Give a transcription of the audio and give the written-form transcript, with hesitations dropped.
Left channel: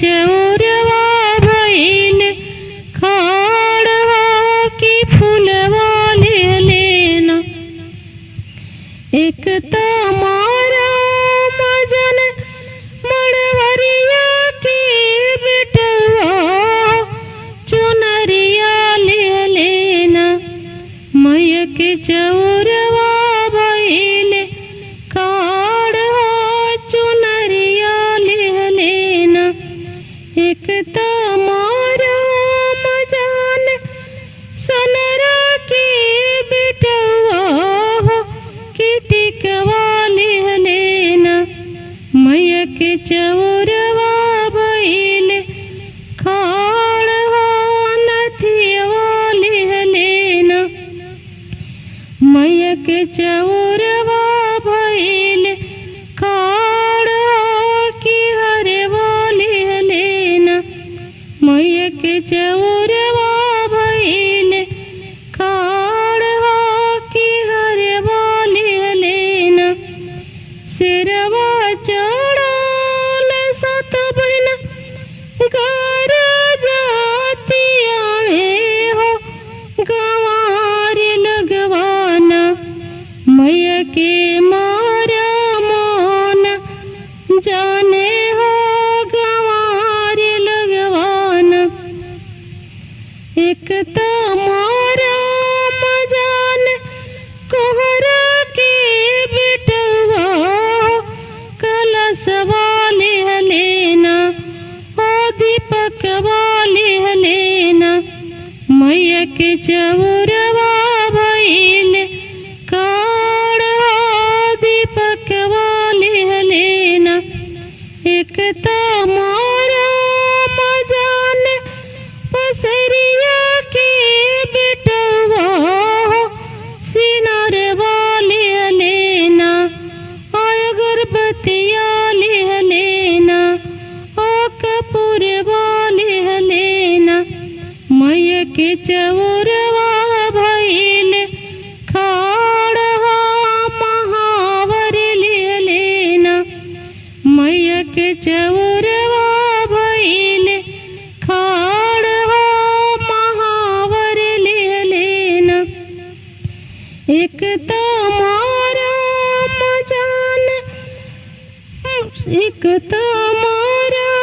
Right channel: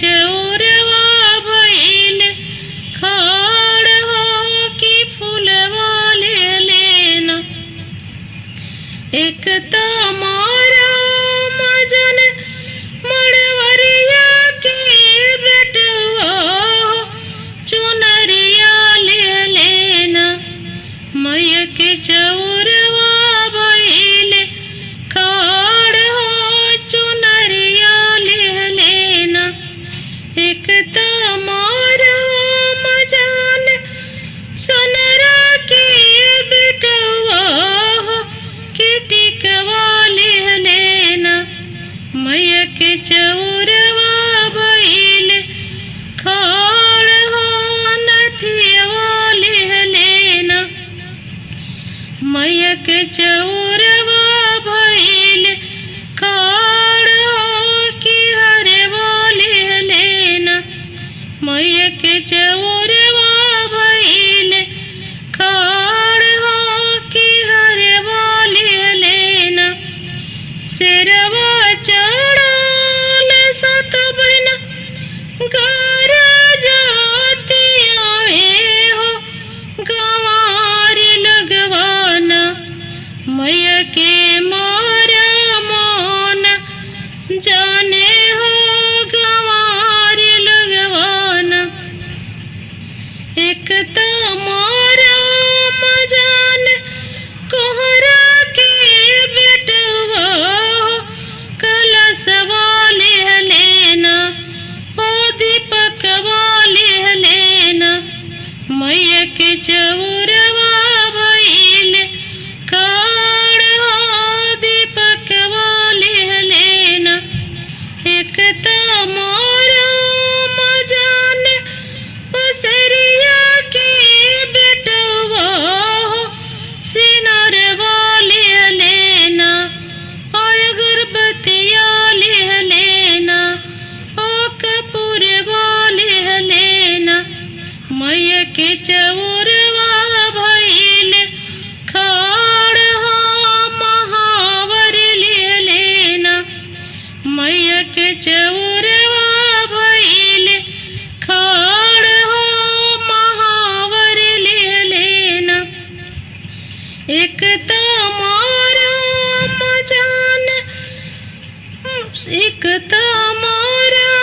चौरवा भइल खाड़ हो कि फूलवा ले लेना। एक तमारा मजन मड़वरिया की बिटवा चुनरिया ले लेना। मैया के चौरवा भइल खाड़ हो चुनरिया ले लेना। एक तमारा मजान सनरा की बिटवा हो कि टिकवा ले लेना। मैया के चौरवा भइल खाड़ हो नथिया ले लेना। मैया के चौरवा भइल खाड़ हो कि हरवा ले लेना। मैया के चौरवा भइल खाड़ हो कि हरवा ले लेना। सिरवा चढ़ाल सत बहन घर जातिया में हो गंवार लगवाना। मैया के मारा मोन जाने हो गंवार लगवाना। एक तमारा मजान कोहरा के बिटवा हो कलशवा ले लेना। ओ दीपकवा ले लेना। मैया के चौरवा भइल खाड़ हो दीपकवा ले लेना। एक तमारा मजान पसरिया की बिटवा हो सिनरवा ले लेना। अगरबत्तिया ले लेना। ओ कपूरवा ले लेना। मैया के चौरवा भइल खाड़ हो महावर ले लेना। मैया के चौरवा भइल खाड़ हो महावर ले लेना। एक तमारा मजान एक तमारा